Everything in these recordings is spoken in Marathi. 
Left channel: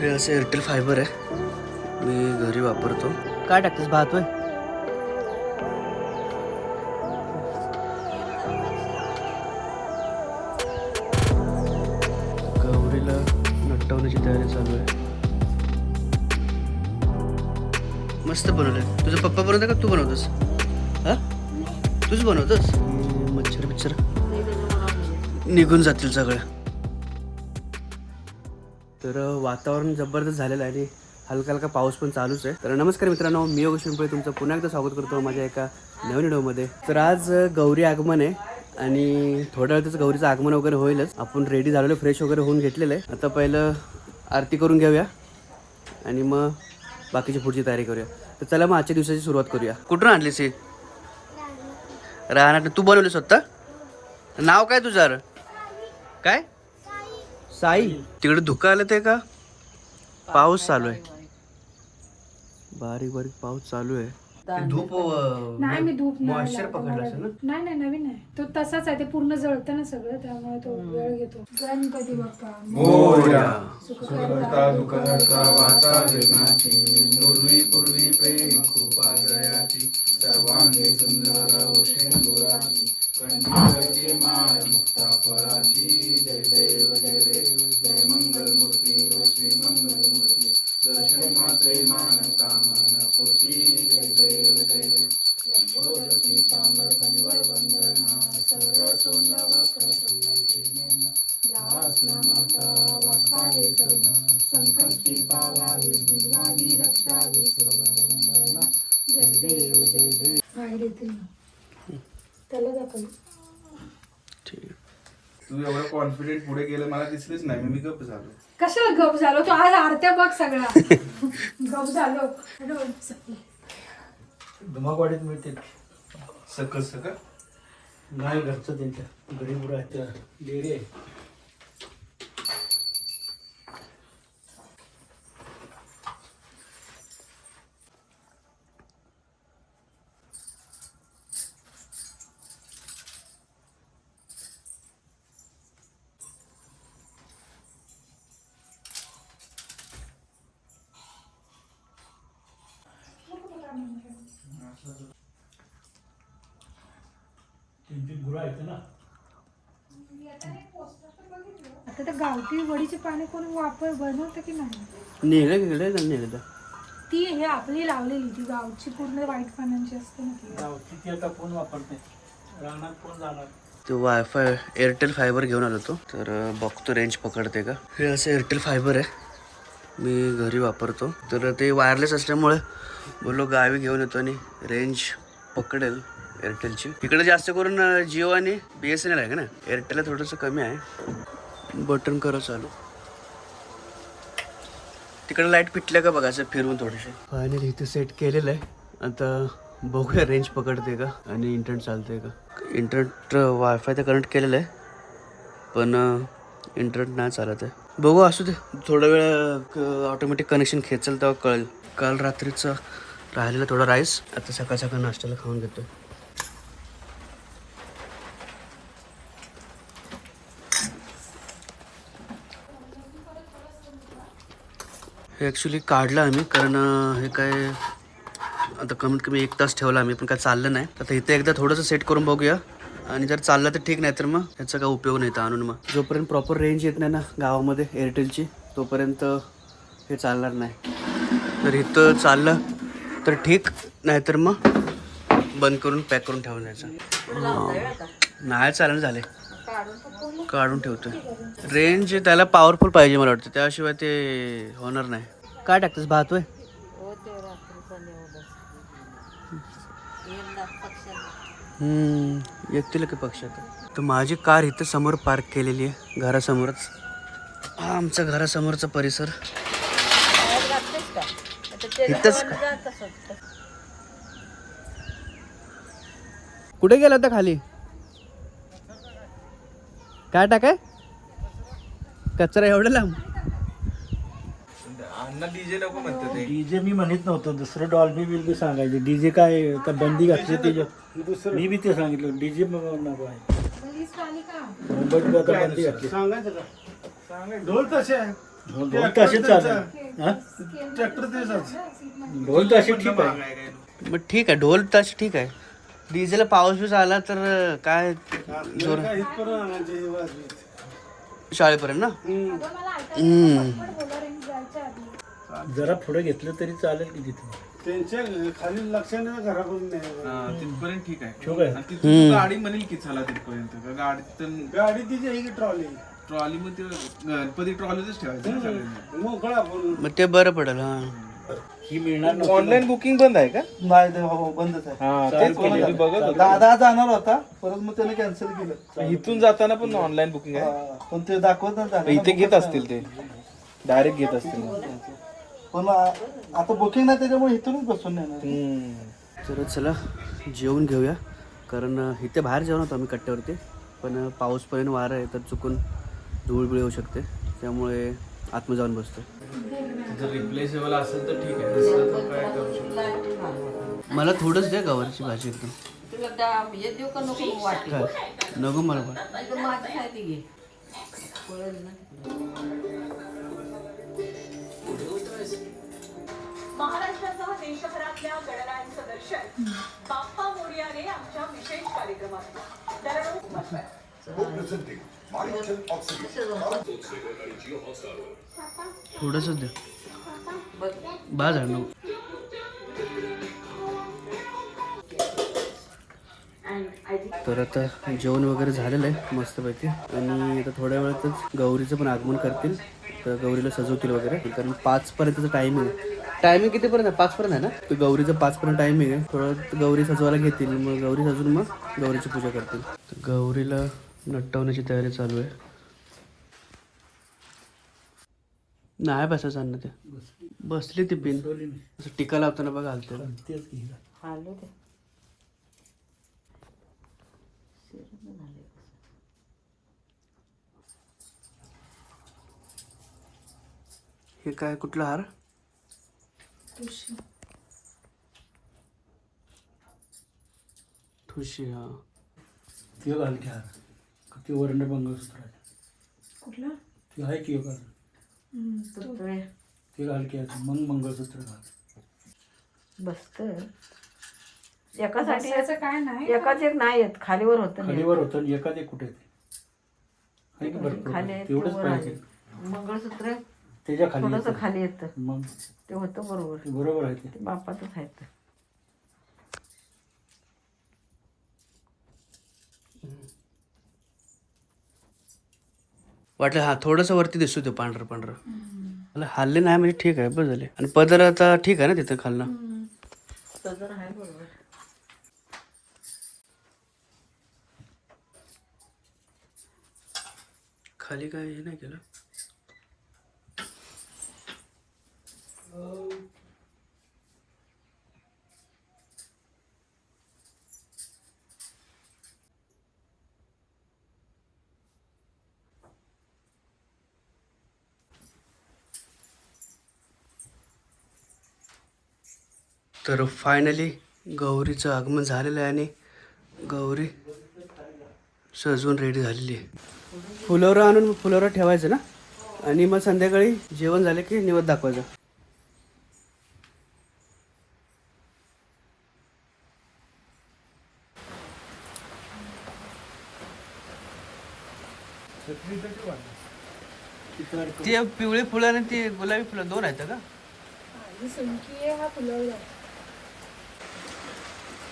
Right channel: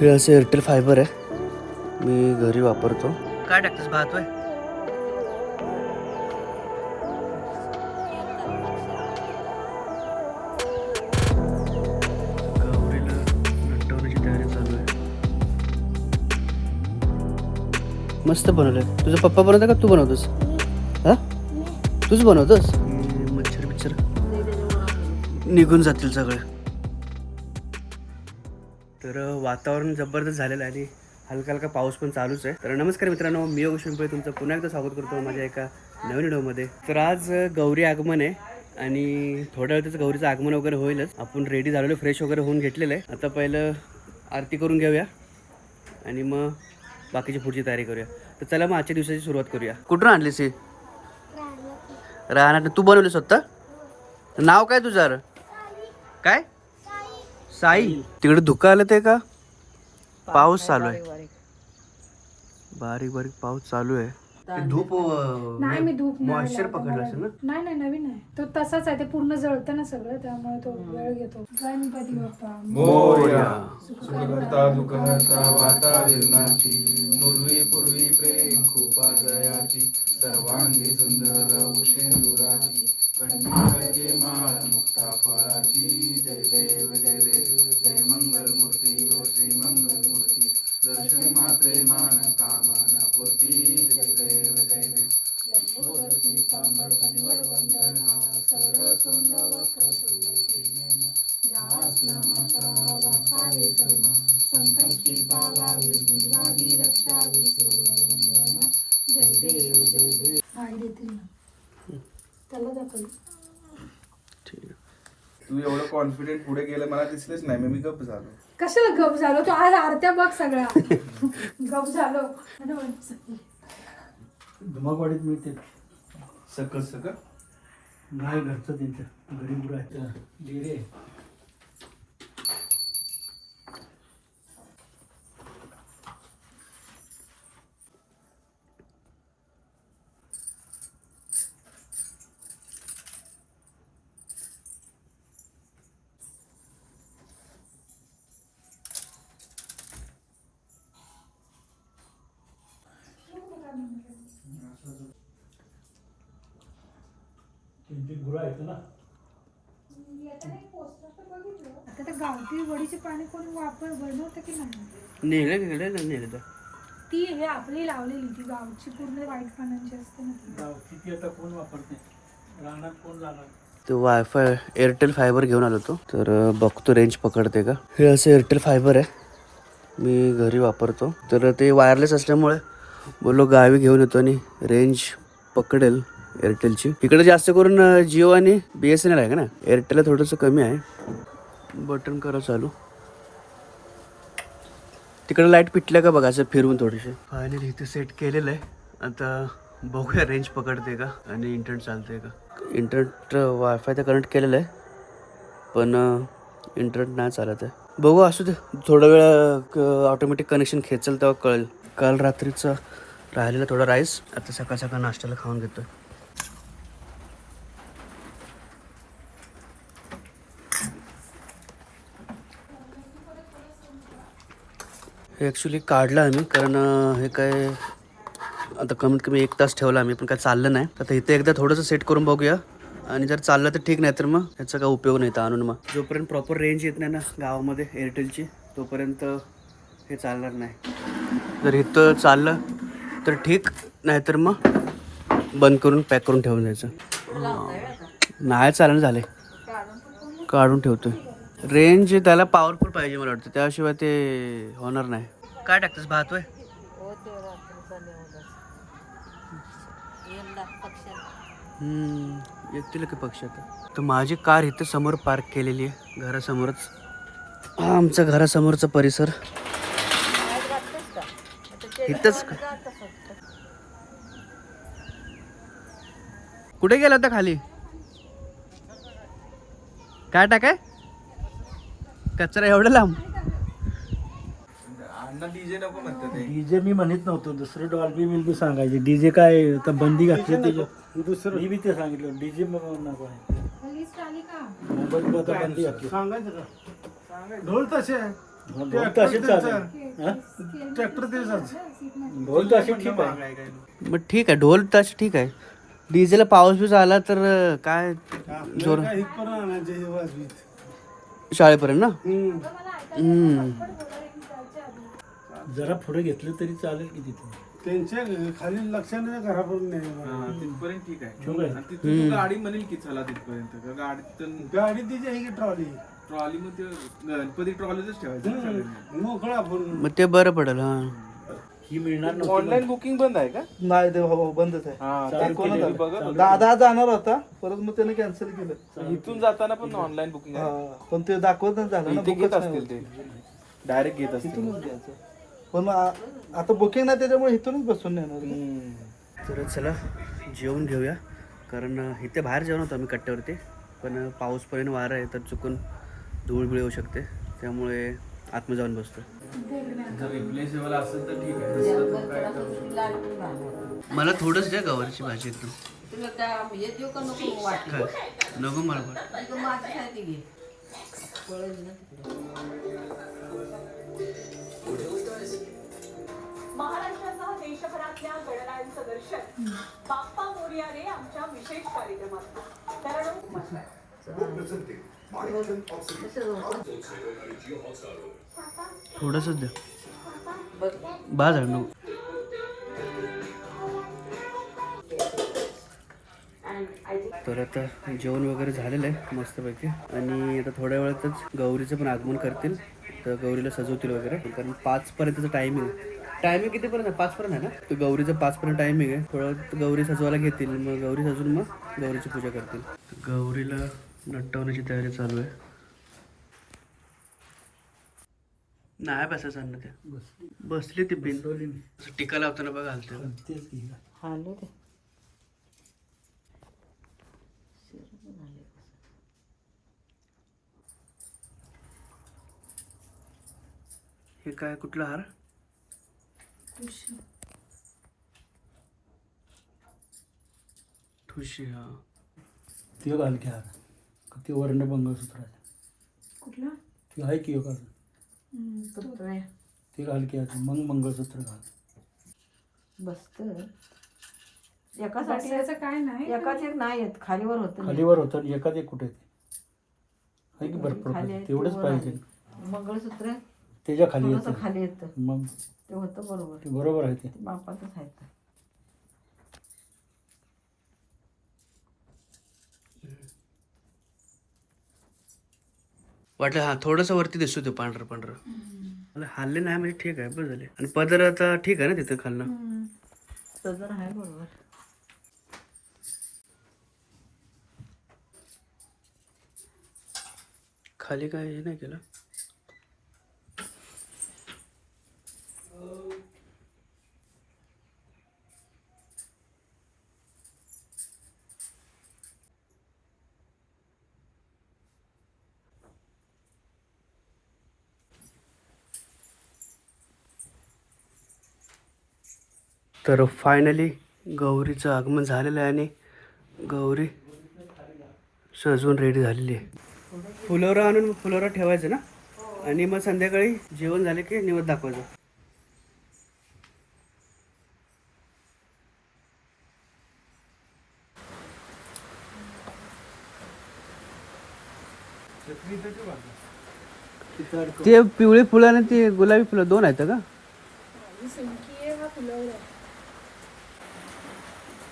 हे असं एअरटेल फायबर आहे, मी घरी वापरतो. काय टाकतेस भात होय? गौरीला नटवण्याची तयारी चालू आहे. मस्त बनवलंय. तुझा पप्पा बनवता का तू बनवतोस? हा, तूच बनवतोस? मच्छर बिच्छर निघून जातील सगळं. तर वातावरण जबरदस्त झालेलं आहे आणि हलका हलका पाऊस पण चालूच आहे. तर नमस्कार मित्रांनो, मी योगेश पिंपळे तुमचं पुन्हा एकदा स्वागत करतो माझ्या एका नवीन व्हिडिओमध्ये. तर आज गौरी आगमन आहे आणि थोड्या वेळातच गौरीचं आगमन वगैरे होईलच. आपण रेडी झालेलो, फ्रेश वगैरे होऊन घेतलेलं आहे. आता पहिलं आरती करून घेऊया आणि मग बाकीची पुढची तयारी करूया. तर चला मग आजच्या दिवसाची सुरुवात करूया. कुठून आणलीस ही? राहणार तू बनवली स्वतः? नाव काय तुझं? काय? साई. तिकडे धुकं आलं ते का? पाऊस चालू आहे, बारीक बारीक पाऊस चालू आहे. धूप नाही, मी धूप मॉइश्चर पकडला असेल ना? नाही नाही, नवीन आहे तो. तसाच आहे, ते पूर्ण जळतं ना सगळं, त्यामुळे तो वेळ घेतो. गणपती बाप्पा मोरया. सुखकर्ता दुःखहर्ता वार्ता वेदनाची पूर्वी पूर्वी प्रेम खूपा दयाची सर्वांगी सुंदर उशिंदुराची कंठी माळ मुक्ता फळाची जय देव जय देव जय मंगल मूर्ती ओ श्री मंगल मूर्ती दर्शन मात्रे मान कामना पूर्ती जय देव जय देव लंबोदरी तांबर कनिवर वंदना सरसोंड वक्र तुल्य नयना दासना माता वाखाळे चरणा संकष्टी पावावे निर्वाही रक्षावी सर्ववंदना जय देव जय देव. बाहेर येतील ना, त्याला दाखवलं. ठीक आहे. तू एवढं कॉन्फिडेंट पुढे गेलं मला दिसलेच नाही, मी गप्प झालो. कशाला गप झालो तू? आज आरत्या बघ सगळा. गप झालो. धुमाकवाडीत मिळते सकस सक नाही, घरचं त्यांच्या गरीब आहे, डेअरी आहे. त्यांची गुरं आहेत ना. आता तर गावठी वडीचे पाणी कोण बनवतं की नाही? नेलं ती हे आपली लावलेली, ती गावची पूर्ण वाईट पाण्याची असते ना ती. गावची ती आता कोण वापरते, रानात कोण जाणार. ते वायफाय एअरटेल फायबर घेऊन आलो होतो, तर बघतो रेंज पकडते का. हे असं एअरटेल फायबर आहे, मी घरी वापरतो. तर ते वायरलेस असल्यामुळे बोललो गावी घेऊन येतो आणि रेंज पकडेल एअरटेलची. इकडे जास्त करून जिओ आणि BSNL आहे का ना, एअरटेलला थोडंसं कमी आहे. बटन करा चालू. तिकडे लाईट पिटल्या का बघायचं फिरून थोडीशी. फायनली इथे सेट केलेलं आहे. आता बघूया रेंज पकडते का आणि इंटरनेट चालते का. इंटरनेट वायफाय तर कनेक्ट केलेलं आहे, पण इंटरनेट नाही चालत आहे. बघू, असू दे. थोडा वेळ ऑटोमॅटिक कनेक्शन खेचेल तेव्हा कळेल. काल रात्रीचं राहिलेलं थोडं राईस आता सकाळ सकाळ नाश्त्याला खाऊन घेतोय. हे ॲक्च्युली काढलं आम्ही, कारण हे काय आता कमीत कमी 1 तास ठेवला आम्ही, पण काय चाललं नाही. आता इथे एकदा थोडंसं सेट करून बघूया, आणि जर चाललं तर ठीक, नाही तर मग ह्याचा काय उपयोग नाही तर आणून. मग जोपर्यंत प्रॉपर रेंज येत नाही ना गावामध्ये एअरटेलची, तोपर्यंत हे चालणार नाही. जर इथं चाललं तर ठीक, नाहीतर मग बंद करून पॅक करून ठेवून द्यायचं. नाही चालणं झाले, काढून ठेवतो. रेंज त्याला पॉवरफुल पाहिजे मला वाटतं, त्याशिवाय ते होणार नाही. काय टाकतेस भात होय? येतील की पक्षी आता. तर माझी कार इथं समोर पार्क केलेली आहे, घरासमोरच. आमच्या घरासमोरचा परिसर इथंच. कुठे गेला होता खाली? काय टाकाय? कचरा एवढं लांब? अण्णा डीजे नको म्हणते ते. डीजे मी म्हणत नव्हतो, दुसरं डॉल्बी बिल्बी सांगायचे. डीजे काय आता बंदी घातली त्याच्या दुसरं, मी बी ते सांगितलं डीजे नको आहे. मुंबईत आता बंदी घातली. सांगायचं का? ढोल तसे आहे. ढोल तर असे चालेल हा? ट्रॅक्टर तेच ढोल तर असे ठीक आहे. मग ठीक आहे, ढोल ताश ठीक आहे. डीजेला पाऊस बिस आला तर काय जोर शाळेपर्यंत ना. जरा पुढे घेतलं तरी चालेल की तिथे. त्यांच्या खाली लक्षाने घरापर्यंत तिथपर्यंत ठीक आहे. ठीक आहे. आणि तिथून गाडी म्हणेल की चला तिथपर्यंत गाडी तिची आहे की ट्रॉली ट्रॉली मध्ये गणपती ट्रॉलीतच ठेवायचं ना सगळ्यांनी. मोकळा मग ते बरं पडेल. हा ही मिळणार नव्हती. ऑनलाईन बुकिंग बंद आहे का? नाही ते बंदच आहे. तेच कोणी बघत होतं. दादा जाणार होता परत मग त्याने कॅन्सल केलं. इथून जाताना पण ऑनलाईन बुकिंग आहे. पण ते दाखवत नाही झालं ना, इथे घेत bookच असतील ते डायरेक्ट घेत असतील. नाही. पण आता बुकिंग नाही त्याच्यामुळे इथूनच बसून येणार. तर चला जेवून घेऊया, कारण इथे बाहेर जेवण होतो आम्ही कट्ट्यावरती, पण पाऊस पण वारा आहे तर चुकून धूळ बिळ येऊ शकते, त्यामुळे आतमध्ये जाऊन बसतो. जर रिप्लेसेबल असेल तर ठीक आहे, नसेल तर काय करू शकतो. मला थोडंच द्या गवारची भाजी एकदम. तुला त्या हे देऊ का नको वाटी काय नको मला पण. नाही तर माझी साठी घे पळत ना महाराष्ट्रासह देशभरातल्या गणरायांचं दर्शन बाप्पा मोरयाने आमच्या विशेष कार्यक्रमात. थोडंसंच द्या, बाज आहे नको. तर आता जेवण वगैरे झालेलं आहे मस्तपैकी, आणि आता थोड्या वेळातच गौरीचं पण आगमन करतील, तर गौरीला सजवतील वगैरे, कारण 5पर्यंतचं टायमिंग आहे. टायमिंग कितीपर्यंत आहे? 5पर्यंत आहे ना. तर गौरीचं 5पर्यंत टायमिंग आहे. थोडं गौरी सजवायला घेतील, मग गौरी सजून मग गौरीची पूजा करतील. तर गौरीला नटवण्याची तयारी चालू आहे. नाही बसायचं अन्न, ते बसली ती पिन असं टिका लावताना बघा हलते. तेच की. आलो ते हे काय कुठला हार? ठुशी. हा ते घाल की हार. ते वर्ण मंगळसूत्र आहे. कुठला? ते आहे की एका. तुटतोय ते घाल की हार. म्हणून मंगळसूत्र घाल. बसत एकासाठी बसायचं काय नाही. एकाच एक नाही येत, खालीवर होतं खालीवर होतं आणि एकाच एक कुठे ते आहे की भरपूर खाली आहे, तेवढंच ते वर पाहिजे. आहे. मंगळसूत्र त्याच्या खाली थोडंसं येतं. खाली येतं, मग ते होतं बरोबर. ते बरोबर आहे ते. ते बापाचंच आहे ते. वाटलं हा थोडंसं वरती दिसतो ते पांढरं पांढरं. मला हल्ले नाही म्हणजे ठीक आहे, बस झाले. आणि पदर आता ठीक आहे ना तिथं खालनं. तसं आहे बरोबर. खाली काय हे नाही केलं. तर फायनली गौरीचं आगमन झालेलं आहे आणि गौरी सजवून रेडी झालेली आहे. फुलोरा आणून फुलोरा ठेवायचं ना, आणि मग संध्याकाळी जेवण झाले की निवद दाखवायचं. ते पिवळी फुलं आणि ती गुलाबी फुलं दोन आहेत का? ही सिल्की आहे, हा फुलवला आहे.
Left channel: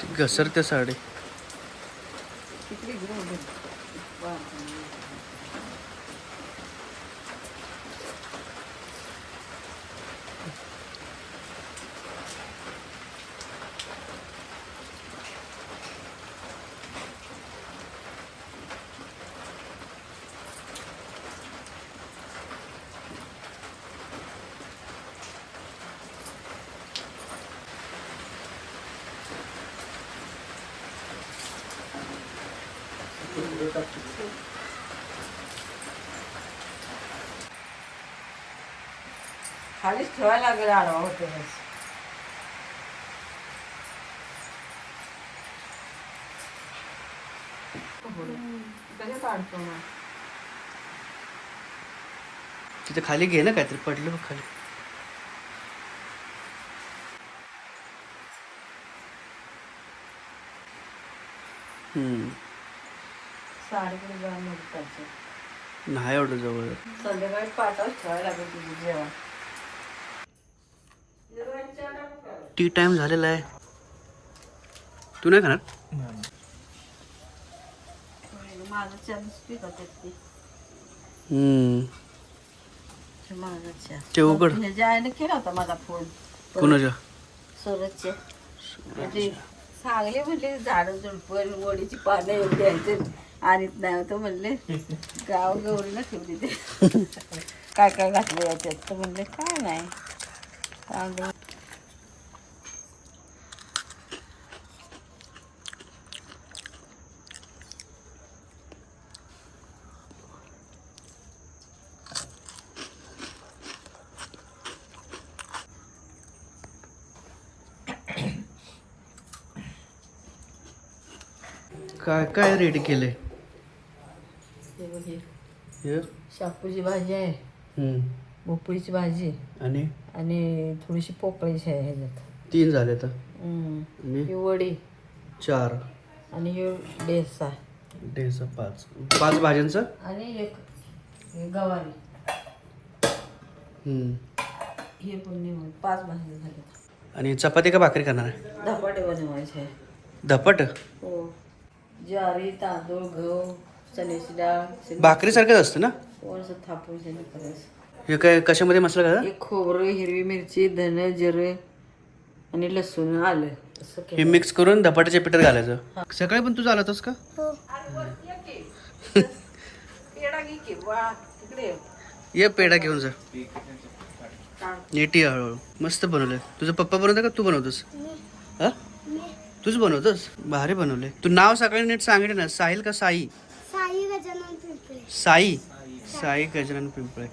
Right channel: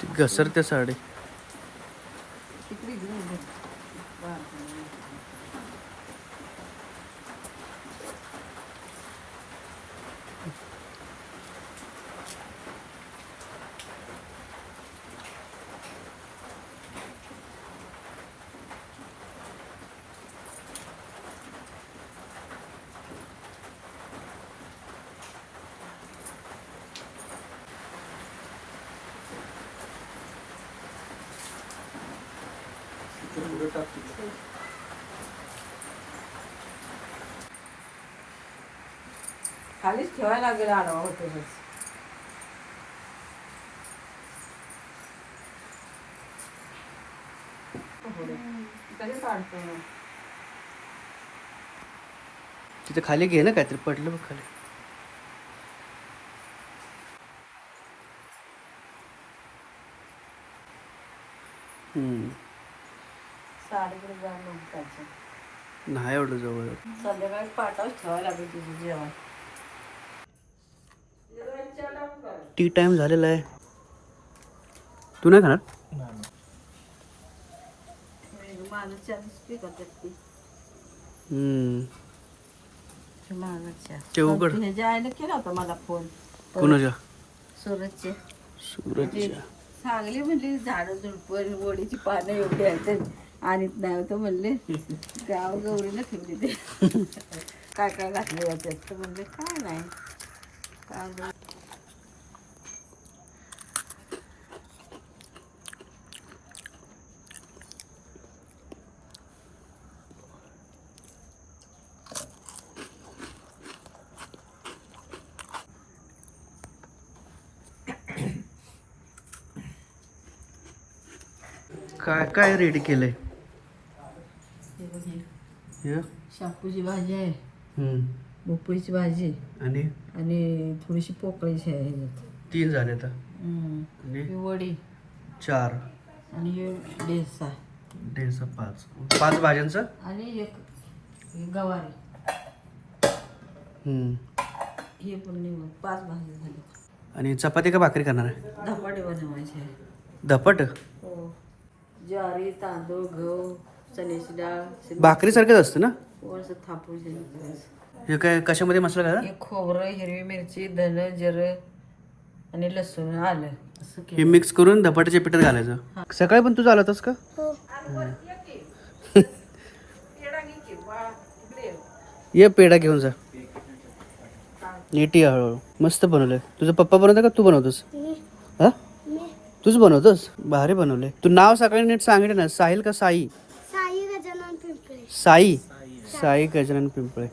ती घसरते साडी. तिकडे घेऊ बघ. खालीच ठेवायला लागेल, आडवा होतो बस. कधी काढतो तिथे खाली घे ना, काहीतरी पडलं बघ खाली. नाही एवढं जवळ. संध्याकाळी 5 ठेवायला लागेल तुझं जेवण. टी टाइम झालेला आहे. तू नाही खाणार? माझं चहा नुसती खातात ती. माझा चहा ते उघड. ह्याच्या आईने केला होता माझा फोन. कुणाच्या? सूरजचे. ते सांगले म्हणले झाडं झुडपं वडीची पानं एवढी आहेत आणत नाही होतं म्हणले. गाव गौरीला ठेवली ते. काय काय घातलं याच्यात तर म्हणले काय नाही. तांदूळ काय काय रेडी केलंय? हे बघ हे. हे? शापूची भाजी आहे, हम्म. भोपळीची भाजी आणि आणि थोडीशी पोकळीची आहे ह्याच्यात. 3 झाले आता. ही आणि वडी 4. आणि हे डेसा 5 भाज्यांचं. आणि एक हे गवारी. हे पण निवड 5 भाजी झाले. आणि चपाती का भाकरी करणार आहे? धपाटे बनवायचे आहे. धपट. हो, ज्वारी तांदूळ गहू चण्याची डाळ भाकरीसारखंच असतं ना? थोडंसं थापून त्याने करायचं. हे काय कशामध्ये मसाला घाला? एक खोबरं हिरवी मिरची धन जिरे आणि लसूण आलं असं हे मिक्स करून धपाट्याच्या पिठात घालायचं. सकाळी पण तू चालवतोस का? ये पेढा घेऊन जा. नीट ये हळूहळू. मस्त बनवलंय. तुझा पप्पा बनवता का तू बनवतोस? हा, तूच बनवतोस? भारी बनवलंय. तू नाव सकाळी नीट सांगितलं ना, साहिल का साई? साई गजानन पिंपळे. साई. साई गजानन पिंपळे.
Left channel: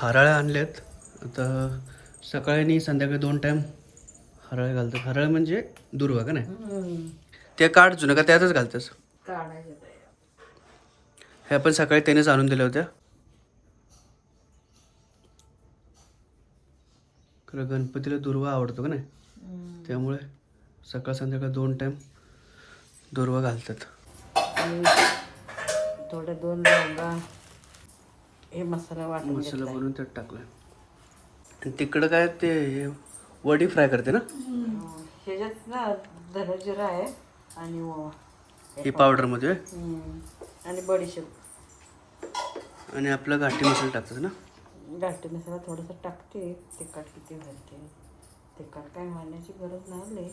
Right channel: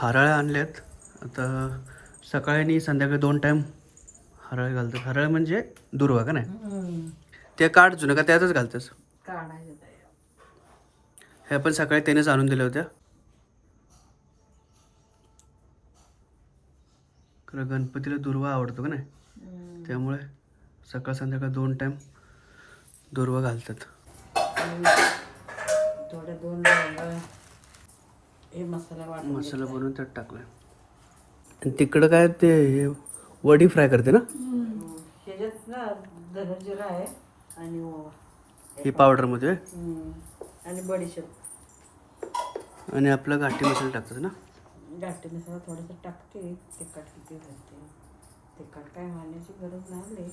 हरळ्या आणल्यात आता. सकाळी आणि संध्याकाळी 2 टाइम हरळ घालतात. हरळ म्हणजे दुर्वा का नाही? ते काढ जुनं का त्यातच घालतेस? काढायचं. हे पण सकाळी त्यानेच आणून दिल्या होत्या. खरं गणपतीला दुर्वा आवडतो का नाही, त्यामुळे सकाळ संध्याकाळ 2 टाइम दुर्वा घालतात. थोडं 2 लवंगा हे मसाला वाटून मसाला बनवून त्यात टाकलाय. आणि तिकडं काय ते वडी फ्राय करते ना? ह्याच्यात ना धनुजिरा आहे आणि ओवा. हे पावडरमध्ये आणि बडीशेप आणि आपला घाटी मसाला टाकतात ना? घाटी मसाला थोडासा टाकते. तिखट किती घालते, तिखट काय घालण्याची गरज नाही.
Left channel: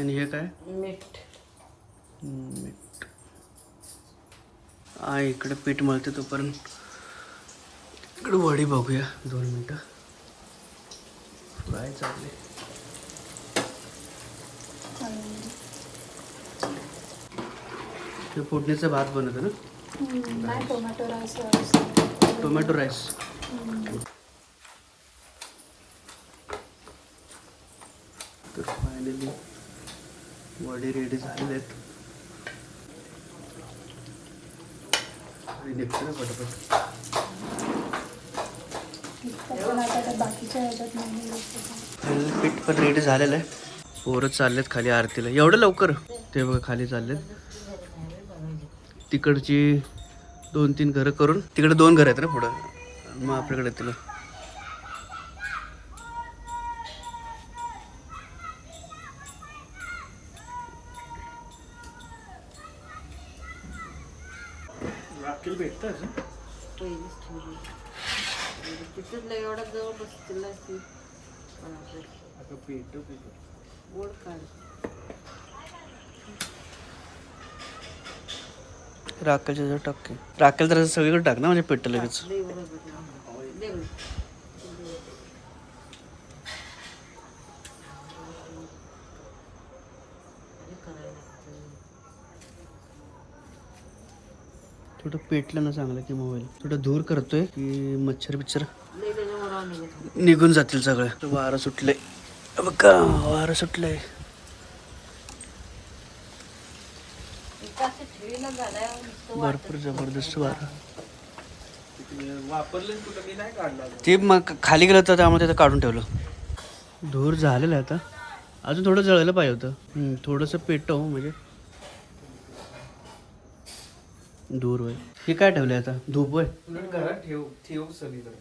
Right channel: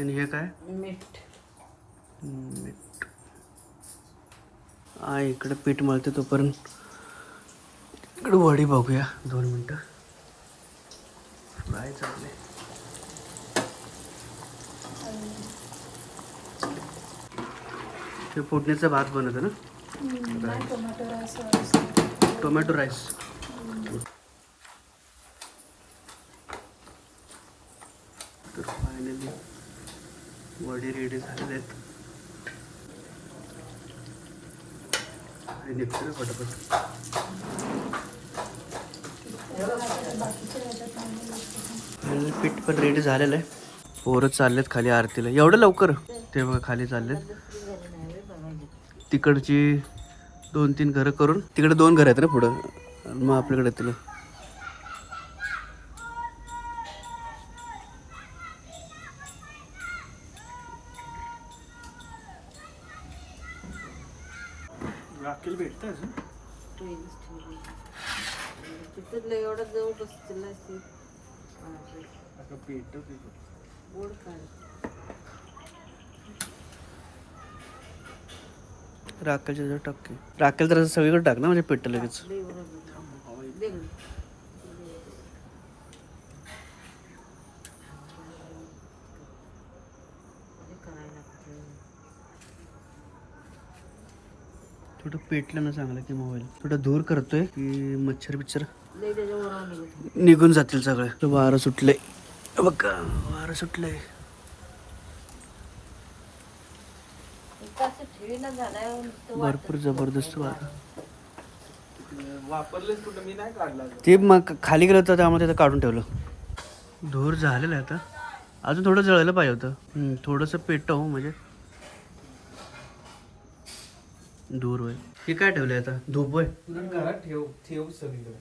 आणि हे काय? मीठ. मीठ. इकडे पीठ मळते तोपर्यंत इकडे वडी बघूया. 2 मिनटं. फ्राय चालले. ते फोडणीचा भात बनवतं ना? Tomato rice. Tomato rice. तर फायनली वडी रेडी झालेले आहेत. आणि निघतं ना पटापट. फायनली पीठ पण रेडी झालेलं आहे. पोरं चाललेत खाली आरतीला. एवढं लवकर? ते बघा खाली चाललेत. तिकडची 2-3 घरं करून तिकडे 2 घरं आहेत ना पुढं, मग आपल्याकडे तिला. राखेल भेटतं असं? तिथं एवढं जवळ बसतील आता पेट गोड काढ. राखेलच्या जवळ टाक. राखेल तर सगळीकडे टाक ना, म्हणजे पेटतं लगेच. थोडं पेटलं ना चांगलं की मोबाईल थोडं धूर करतोय की मच्छर बिच्छर निघून जातील सगळं. वारं सुटले बघा, वारं सुटलंय. येईना झालाय नुसतं भरपूर जबरदस्त वारा. वापरलेच कुठे मी नाही काढला. ते मग खाली गेलं होतं त्यामुळे तिथं काढून ठेवलं. धूर झालेलं आहे आता, अजून थोडं जळलं पाहिजे होतं. थोडंसं पेटव म्हणजे धूर होय. हे काय ठेवलं आता धूप होय. उलट घरात ठेव ठेव सगळीकडे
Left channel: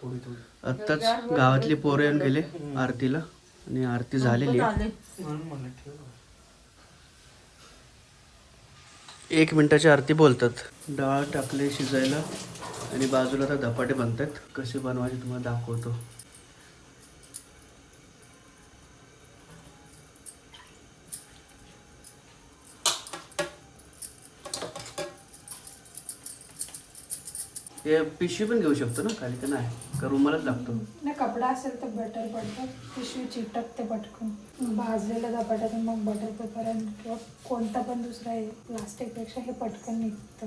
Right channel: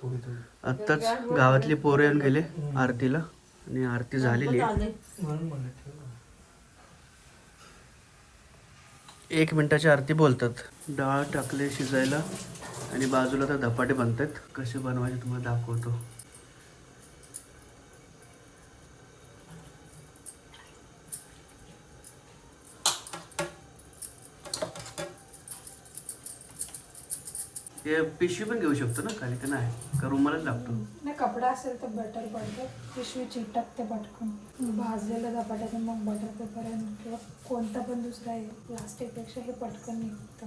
थोडी थोडी. आत्ताच गावातली पोरं येऊन गेले आरतीला आणि आरती झालेली आहे. म्हणून म्हणलं ठेव. 1 मिनिटाची आरती बोलतात. डाळ टाकले शिजायला आणि बाजूला तर धपाटे बनतात. कसे बनवायचे तुम्हाला दाखवतो. हे पिशवी पण घेऊ शकतो ना खाली, का नाही का रुमालाच लागतो? नाही, कपडा असेल तर बटर पडतं, पिशवी चिटकते पटकन. भाजलेलं धपाट्यातून मग बटर पेपर किंवा कोणता पण दुसरा आहे प्लास्टिकपेक्षा हे पटकन निघतं.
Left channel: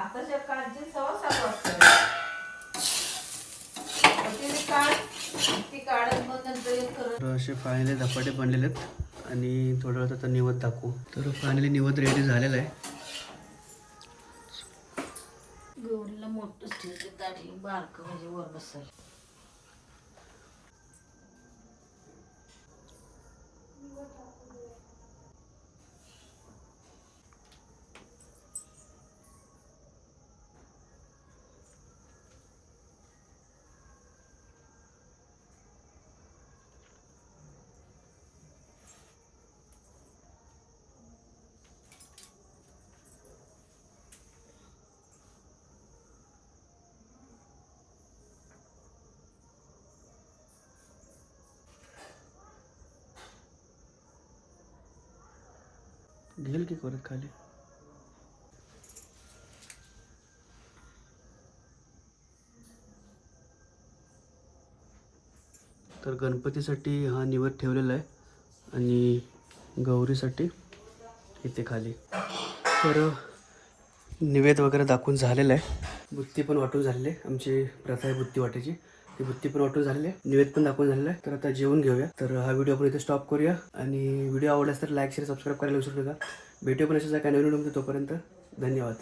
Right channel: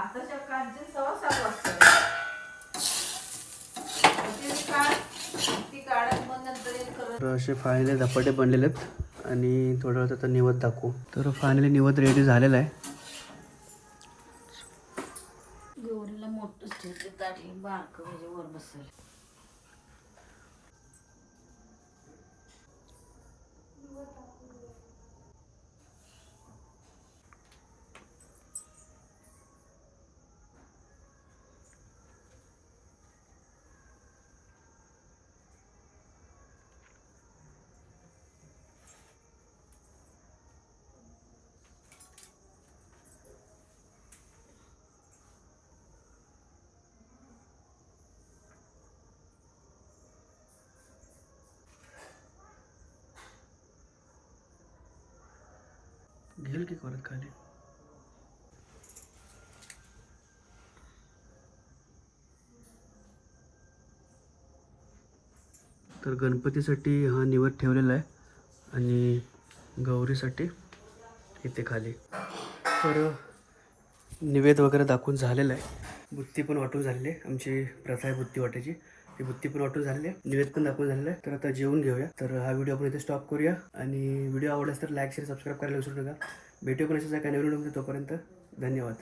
आताच्या काळजी 6:15 वाजता ती काढत मग नंतर हे करत. तर असे फायनली धपाटे बनलेले आहेत आणि थोड्या वेळात आता निवद दाखवू. तर फायनली निवद रेडी झालेला आहे. गौरीला मोठंच ठेवते ताटी, बारकं म्हणजे वर बसेल. घेईल की परत खाली. तर गणपतीसाठी हा निवद ठेवलेला आहे आणि गौरीसाठी इथे खाली. तर निवेद वगैरे दाखवून झालेला आहे. बुत्ती पण वाटून झालेली आहे. आमची प्रथा आहे बुत्ती वाटायची. ती बुत्ती पण वाटून झालेली आहे. निवेद पण दाखवून झालेलं आहे. तर आता जेवून घेऊया. तर हा व्हिडिओ आपण इथे स्टॉप करूया आणि व्हिडिओ आवडल्यास तर लाईक शेअर सबस्क्राईब करायला विसरू नका. भेटू पण अशाच एका नवीन व्हिडिओमध्ये. तोपर्यंत धन्यवाद.